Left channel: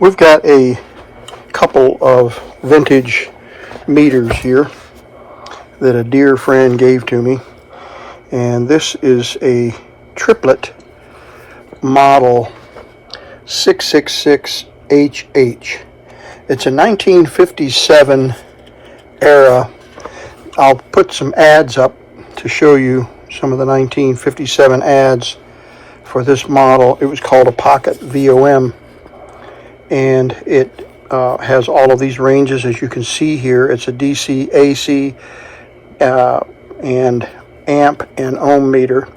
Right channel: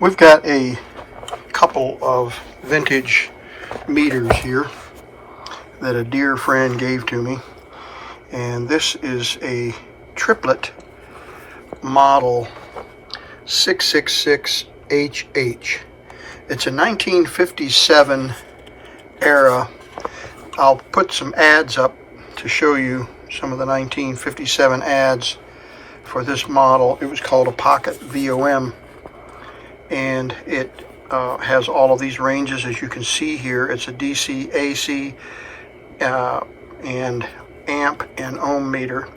We've got a couple of vintage meters here that a dear friend gave to me, and this is a Tripplet model 666HH. It's a 1957 era. I'll put some ads up to show you some of the 1957 ads for this model. It was called a Pocket VOM, and it has all of these ranges as you can see here. It's a DC, AC, and amp and ohm meter.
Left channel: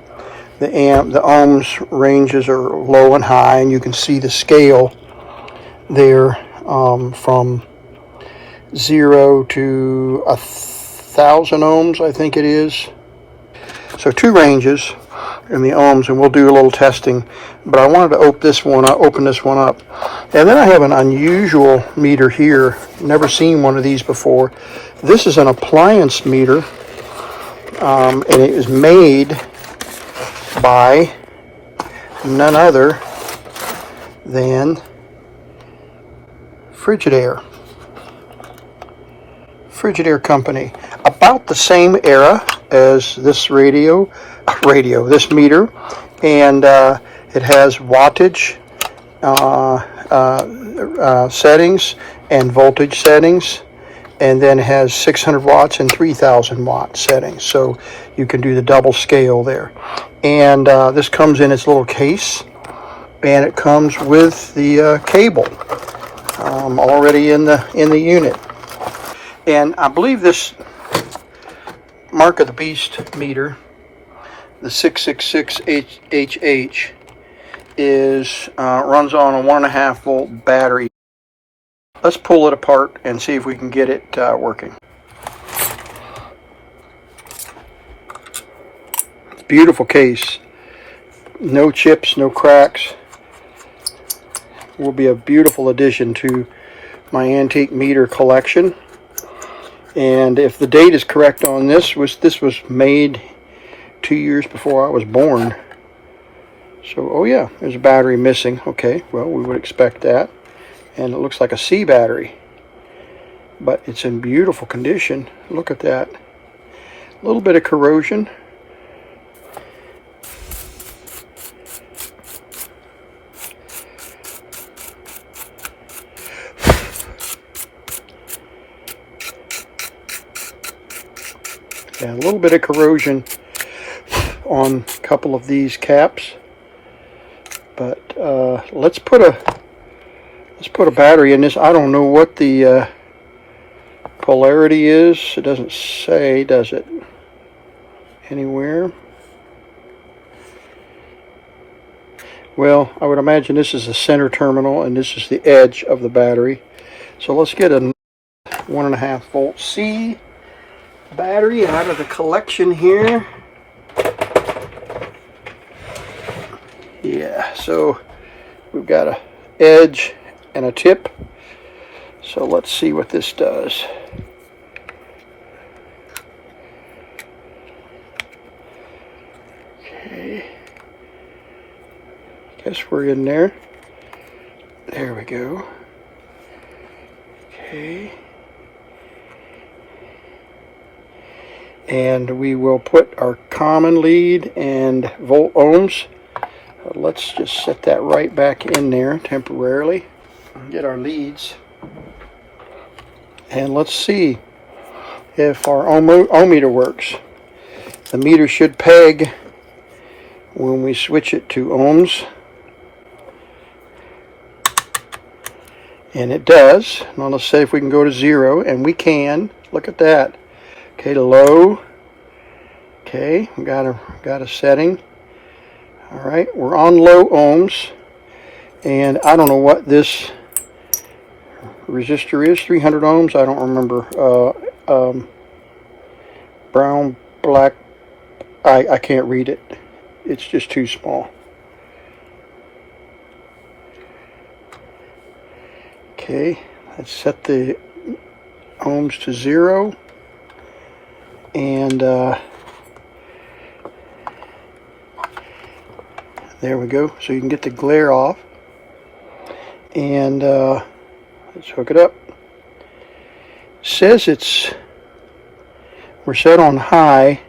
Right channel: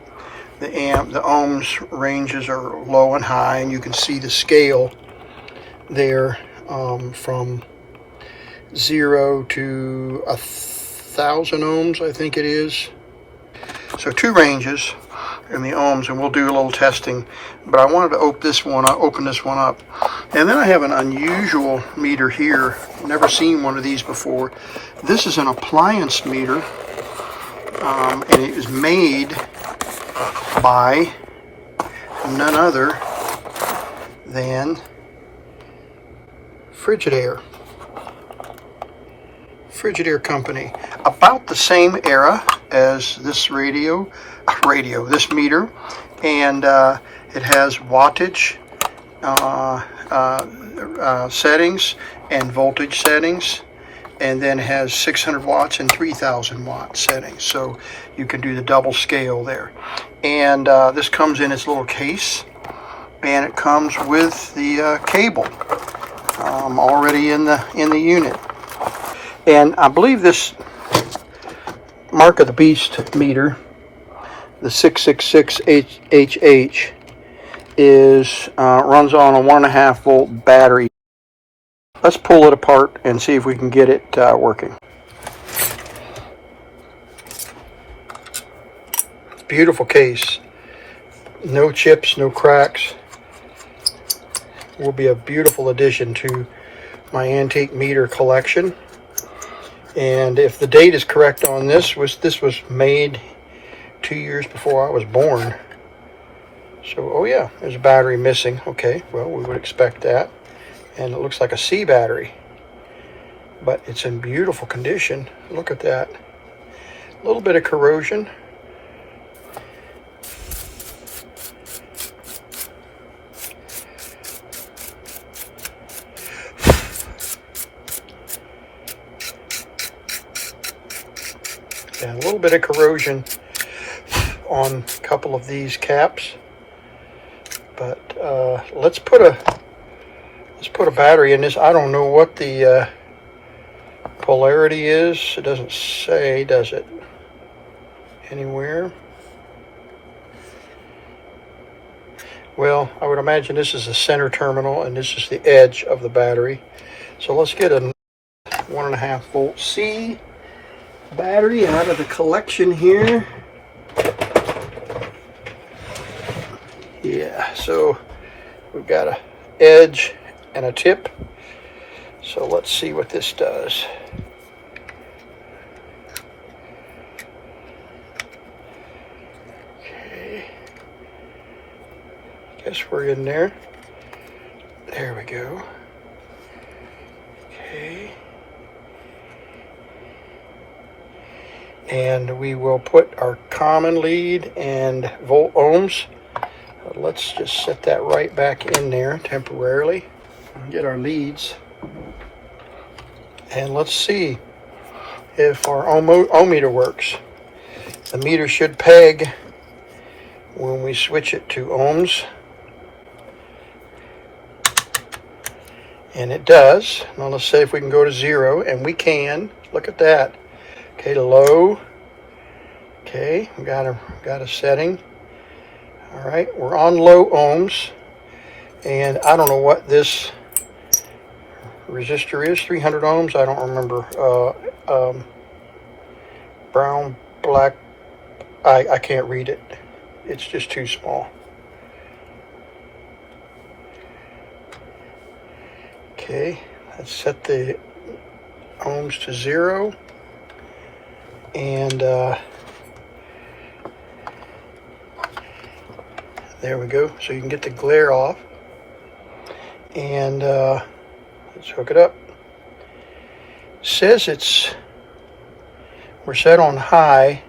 The ohms ranges are low and high, and you can see the scale there from 0 to 1,000 ohms, I think it is. So two ranges in the ohms, and we'll do a little testing. But I wanted to open this one up. And then I have an unusual meter here. Never seen one of these before. This is an appliance meter, and it is made by none other than Frigidaire company. About the same era as this this meter, and it has wattage settings and voltage settings, and then it has 600 watts and 3,000 watt settings, so you can do the double scale there. And this comes in its little case, and it comes with the cable already in the unit. And I believe this Mark of the Beast meter, the 666HH, runs on a 1.5 volt battery. Let's pull it apart and see if we can get it working. Beautiful case. No chips, no cracks. It will be a beautiful addition to my antique meter collection. And if the date is correct on this was made 2 years before I was born. So, oh yeah, there's a battery missing. Okay, well, we would expect that. And it looks like a C battery, but it's in beautiful condition. Look at that. A little bit of corrosion. And a little bit of corrosion on a couple of these caps, but let's put a battery in this. I don't know what the polarity is. It doesn't say, does it, anywhere? Well, I would imagine this is the center terminal and this is the edge of the battery. So let's get a 1.5 volt C battery out of the collection here. Yeah, so we've got a edge and a tip. So let's see what this does. Okay. Guess we're in there. There we go. Okay. And we will put our common lead and volt ohms. Let's just set that right back in there temporarily. Get our leads. And let's see if our ohm meter works. The meter should peg when we switch it to ohms. And it does. Now let's say if we can go to 0, and we can. Look at that. Okay, low. Okay, we got a setting. All right, we're on low ohms, and I don't know what this resistor is. 300 ohms. I don't remember. Brown, black. I can't read it. It's just too small. Okay, let's set the ohms to 0, and there we go. So you can get the glare off. And let's hook it up. It says we're set on high,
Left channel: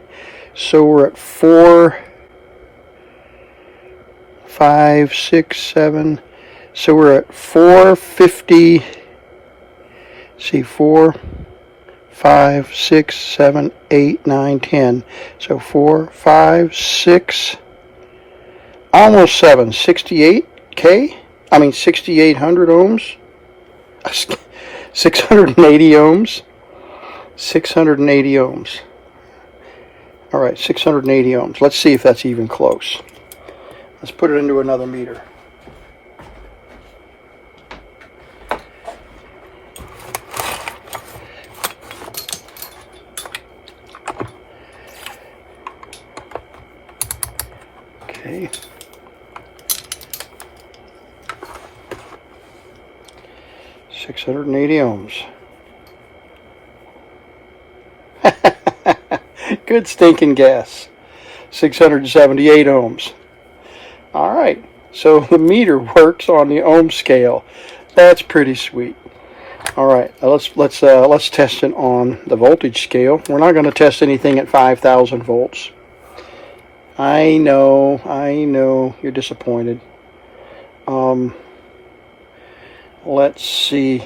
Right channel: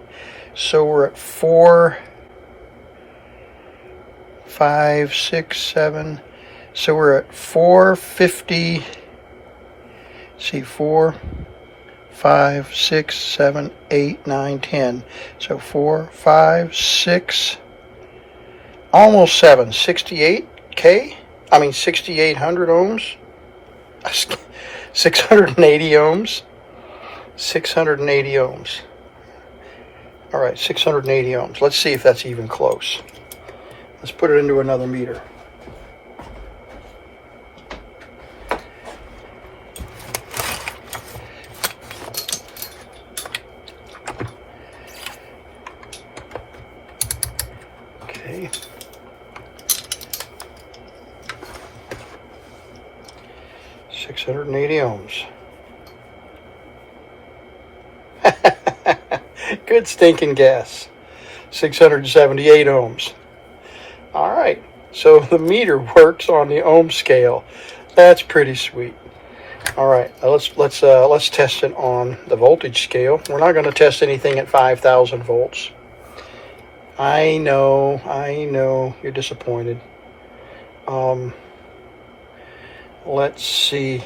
so we're at 4, 5, 6, 7. So we're at 450. See, 4, 5, 6, 7, 8, 9, 10. So 4, 5, 6, almost 7. 68K? I mean 6,800 ohms. 680 ohms. 680 ohms. All right, 680 ohms. Let's see if that's even close. Let's put it into another meter. Okay. $680 ohms. Good stinking guess. 678 ohms. All right. So the meter works on the ohm scale. That's pretty sweet. All right. Let's test it on the voltage scale. We're not going to test anything at 5,000 volts. I know. You're disappointed. Let's see.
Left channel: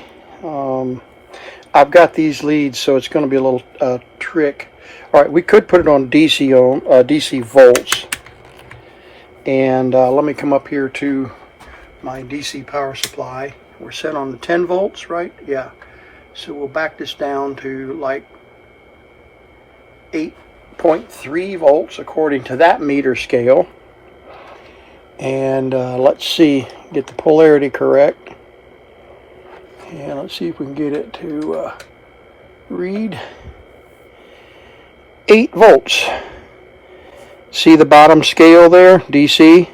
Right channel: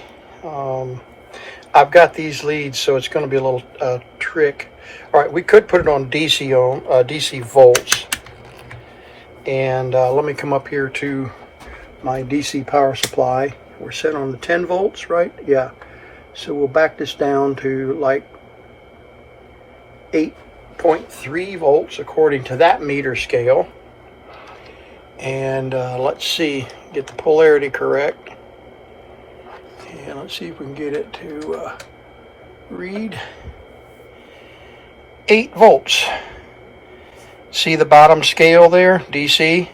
I've got these leads, so it's going to be a little trick. All right, we could put it on DC volts. And let me come up here to my DC power supply. We're set on the 10 volts, right? Yeah. So we'll back this down to like 8.3 volts according to that meter scale. And let's see, get the polarity correct. And let's see if we can get it to read 8 volts. See the bottom scale there, DC?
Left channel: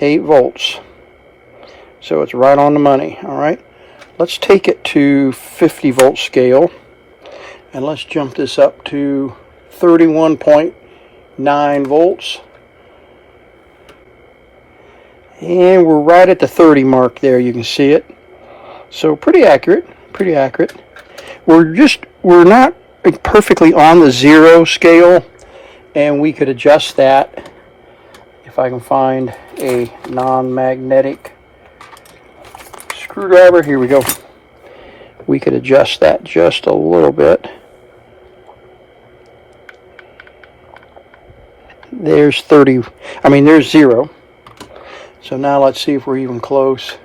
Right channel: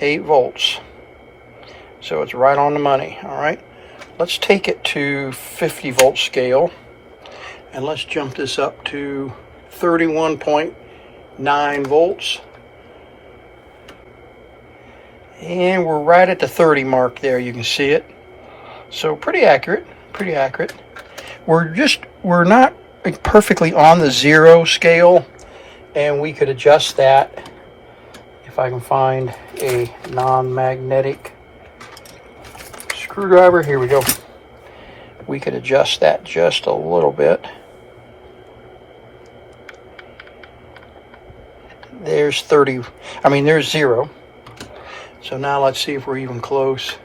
8 volts. So it's right on the money, all right? Let's take it to 50 volt scale. And let's jump this up to 31.9 volts. And we're right at the 30 mark there, you can see it. So pretty accurate, pretty accurate. We're not perfectly on the 0 scale, and we could adjust that if I can find a non-magnetic screwdriver. Here we go. We could adjust that just a little bit. There's 30, there's 0. So now let's see if we're even close.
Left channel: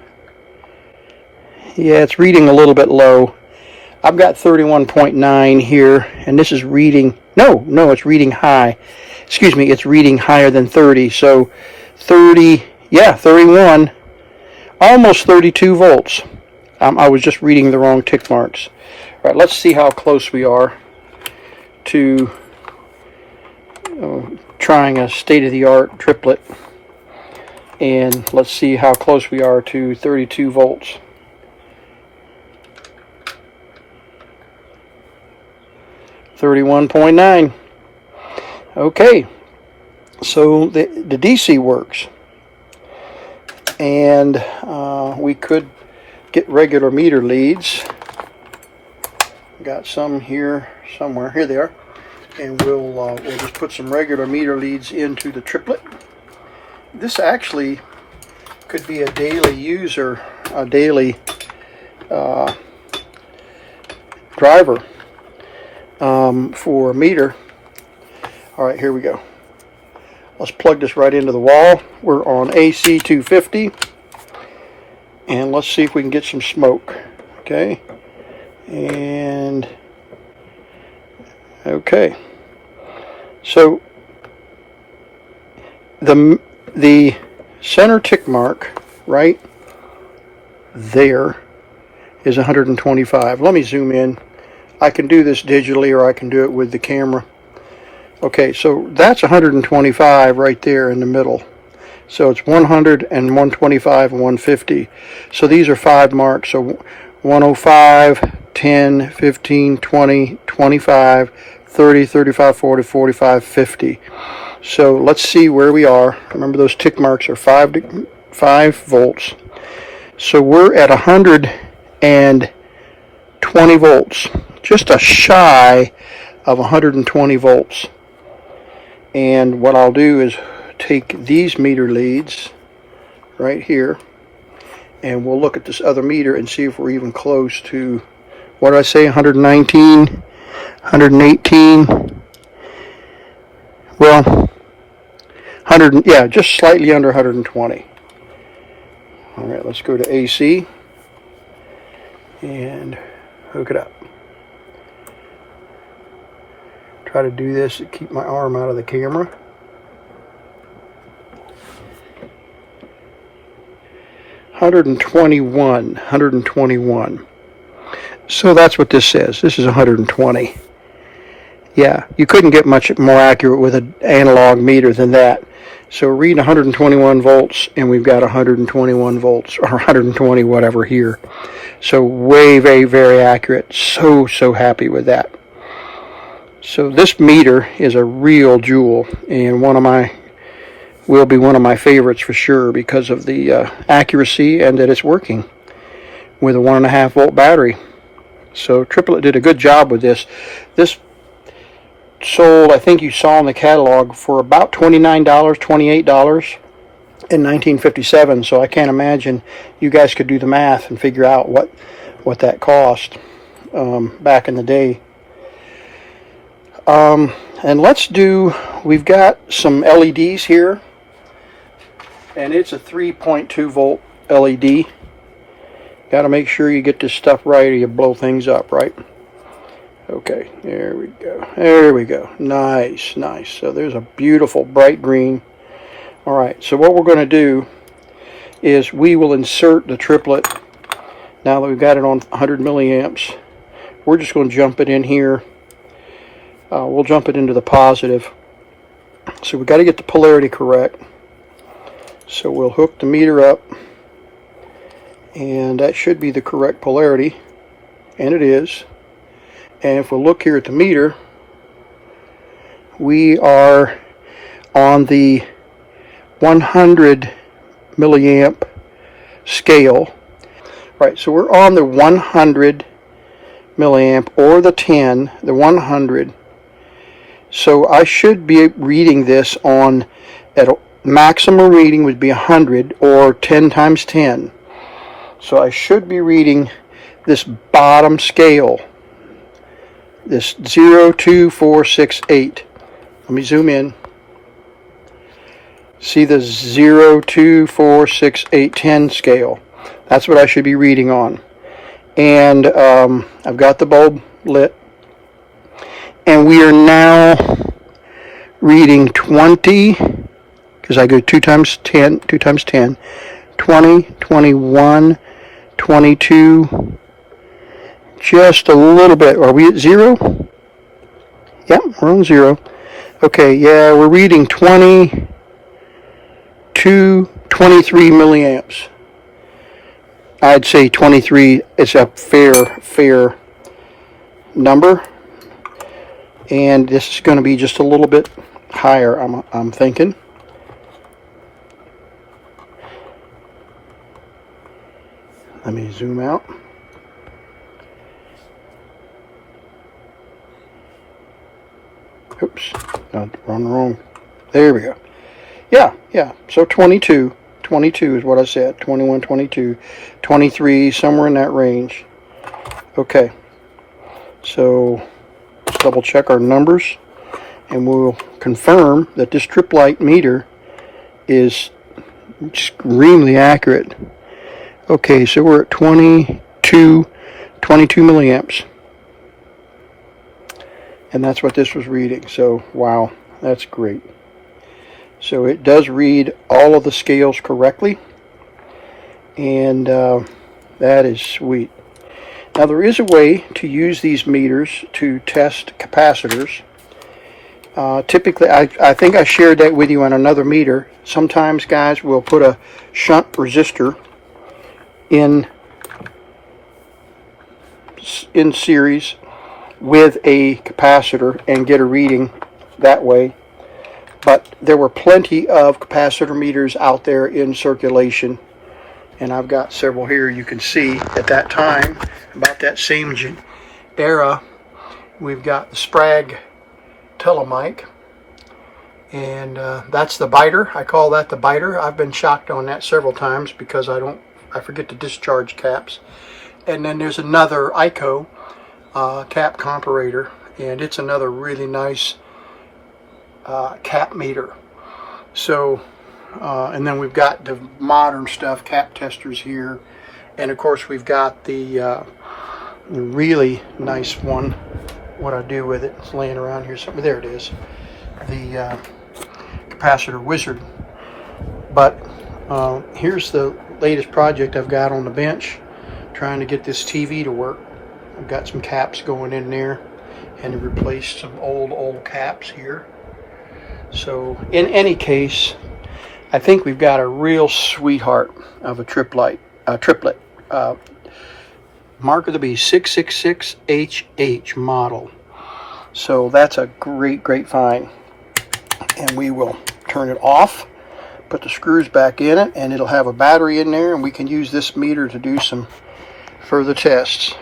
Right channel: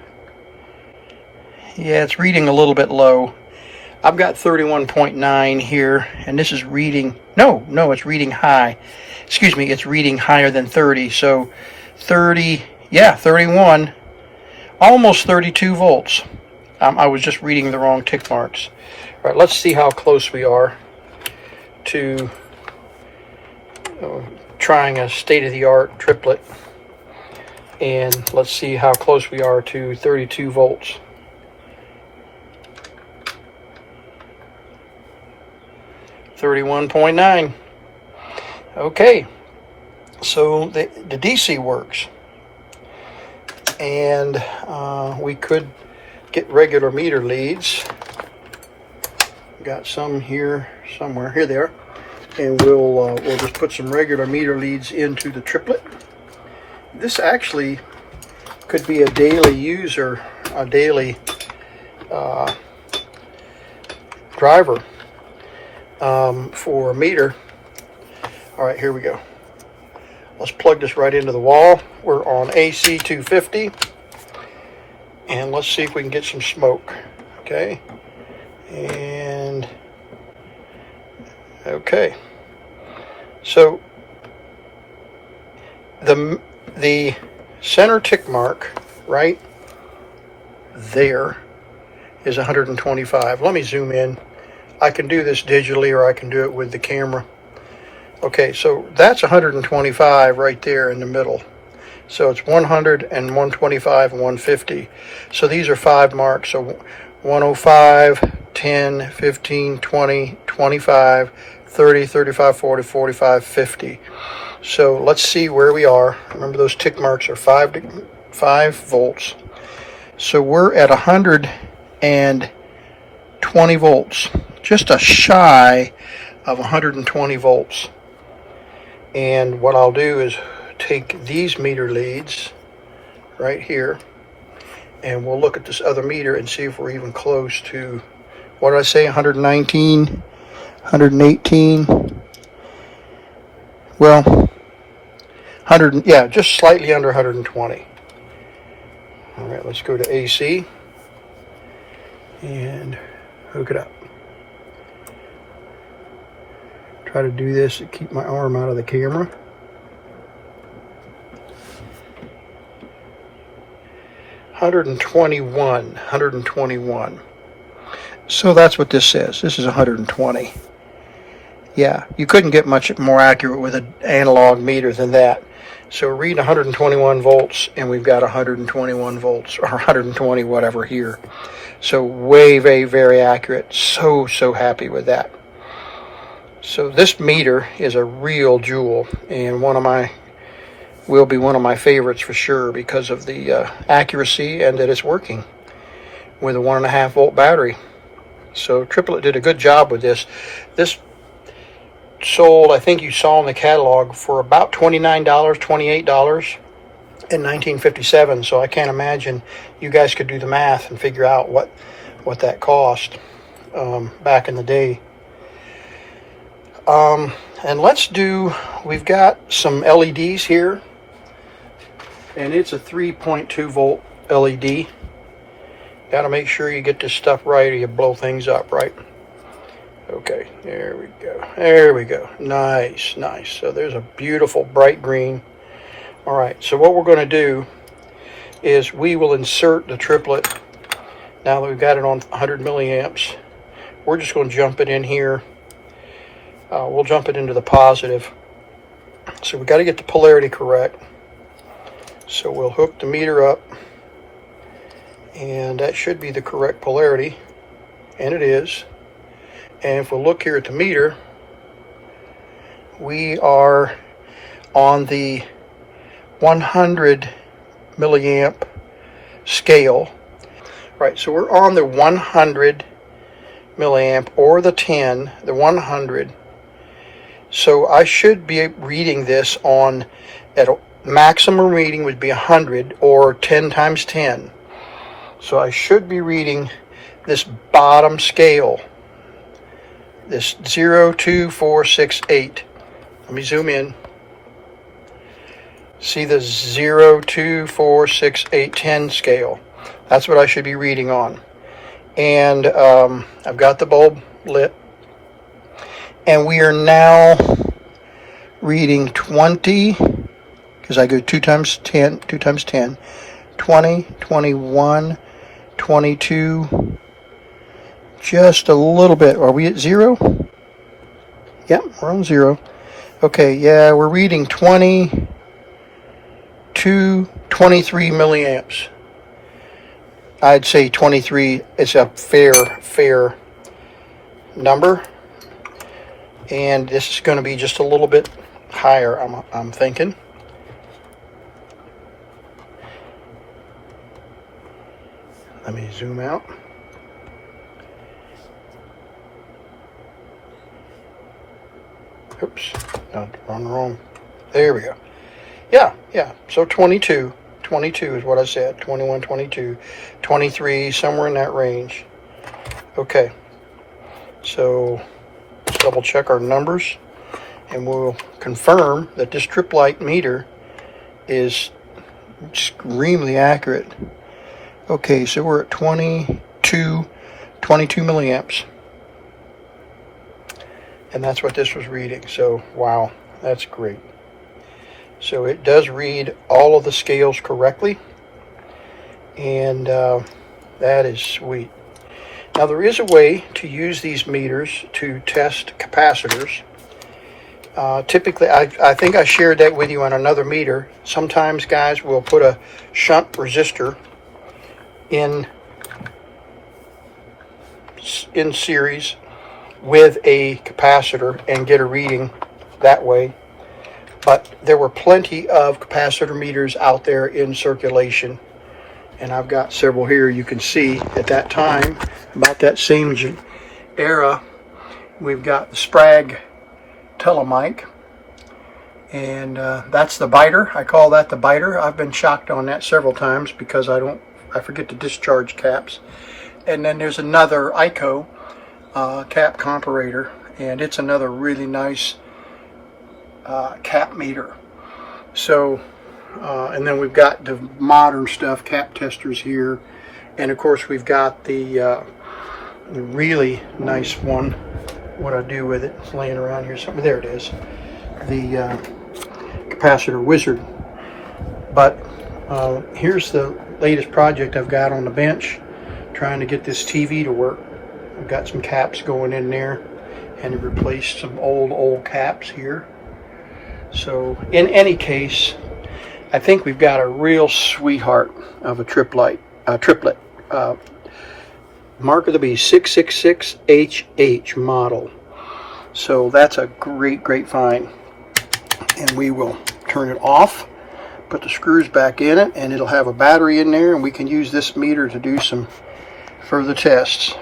Yeah, it's reading a little bit low. I've got 31.9 here, and this is reading, no, it's reading high. Excuse me, it's reading higher than 30. So 30, yeah, 31, almost 32 volts. I was just reading the wrong tick marks. All right, let's see how close we are to trying a state-of-the-art triplet. And let's see how close we are to 32 volts. 31.9. Okay, so the DC works, and we could get regular meter leads. Got some here somewhere. Here they are, and we'll just put some regular meter leads into the triplet. This actually could be a daily user, a daily driver. For meter. All right, here we go. Let's plug this right into the wall. We're on AC 250, and let's see if we can get some smoke. Okay, and okay. So the center tick mark right there is 125. Let me zoom in. I can do this digitally, or I can do it with the camera. Okay, so that's 125 right there in the middle. So it's 100 and 125 and 150. So these are 5 marks. So 105, 10, 15, 20, 25, 30, 35, 40, 45, 50. So let's see where we are. Remember, those tick marks are 5 volts. So we're at 120 volts, just a shy of 120 volts. And what I'll do is take these meter leads right here, and we'll look at this other meter and see if we're even close to, what did I say, 119, 118, well, 100, yeah, just slightly under 120. All right, let's go to AC and hook it up. Try to do this to keep my arm out of the camera. 121. So that's what this says. This is 120. Yeah, you couldn't get much more accurate with an analog meter than that. So we're reading 121 volts, and we've got 121 volts, or 120 whatever here. So way, very, very accurate. So happy with that. So this meter is a real jewel, and will be one of my favorites for sure, because of the accuracy and that it's working with a 1.5 volt battery. So Tripplet did a good job with this. This sold, I think you saw in the catalog, for about $29, $28 in 1957. So I can't imagine you guys could do the math and figure out what that cost back in the day. And we've got some LEDs here, and it's a 3.2 volt LED. Got to make sure you get this stuff right or you blow things up, right? Okay, there we go. There we go. Nice. So there's a beautiful bright green. All right, so what we're going to do is we will insert the Tripplet. Now that we've got it on 100 milliamps, we're just going to jump it in here. We'll jump it into the positive. So we've got to get the polarity correct. So we'll hook the meter up, and that should be the correct polarity, and it is. And if we look here at the meter, we are on the 100 milliamp scale. Right, so we're on the 100 milliamp, or the 10, the 100. So I should be reading this on, at a maximum reading would be 100, or 10 times 10. So I should be reading this bottom scale, this 0, 2, 4, 6, 8. Let me zoom in. See the 0, 2, 4, 6, 8, 10 scale. That's what I should be reading on. And I've got the bulb lit. And we are now reading 20, because I go 2 times 10, 20, 21, 22, just a little bit. Are we at 0? Yep, we're on 0. Okay, yeah, we're reading 23 milliamps. I'd say 23 is a fair number. And this is going to be just a little bit higher, I'm thinking. Let me zoom out. Oops, wrong. There we go. Yeah. So 22 is what I said. 21, 22, 23, somewhere in that range. Okay. So let's double check our numbers, and we'll confirm that this Tripplet meter is extremely accurate. Okay, so we're at 22 milliamps. And that's what this was reading. So, wow, that's great. So it does read all of the scales correctly, and that is sweet. Now, there is a way to use these meters to test capacitors. Typically, I think I shared that with you on another meter. Sometimes, guys, will put a shunt resistor in series with a capacitor and get a reading that way. But there were plenty of capacitor meters out there in circulation, and I've got several here. You can see at that time, about that same era, we've got the Sprague Telemic, and that's the biter. I call that the biter. I've been shocked on that several times because I forget to discharge caps. And then there's another ICO cap comparator, and it's another really nice cap meter. So and then we've got the modern stuff, cap testers here, and of course we've got the really nice one. What I do with it, it's laying around here somewhere. There it is, the capacitor wizard. But here's the latest project I've got on the bench, trying to get this TV to work. I've got some caps going in there, and I've replaced some old caps here. So in any case, I think we've got a real sweetheart of a triplet. Mark of the Beast 666HH model. So that's a great find. And we will turn it off, put the screws back in it, and it'll have a battery in there, and we can use this meter to do some further tests.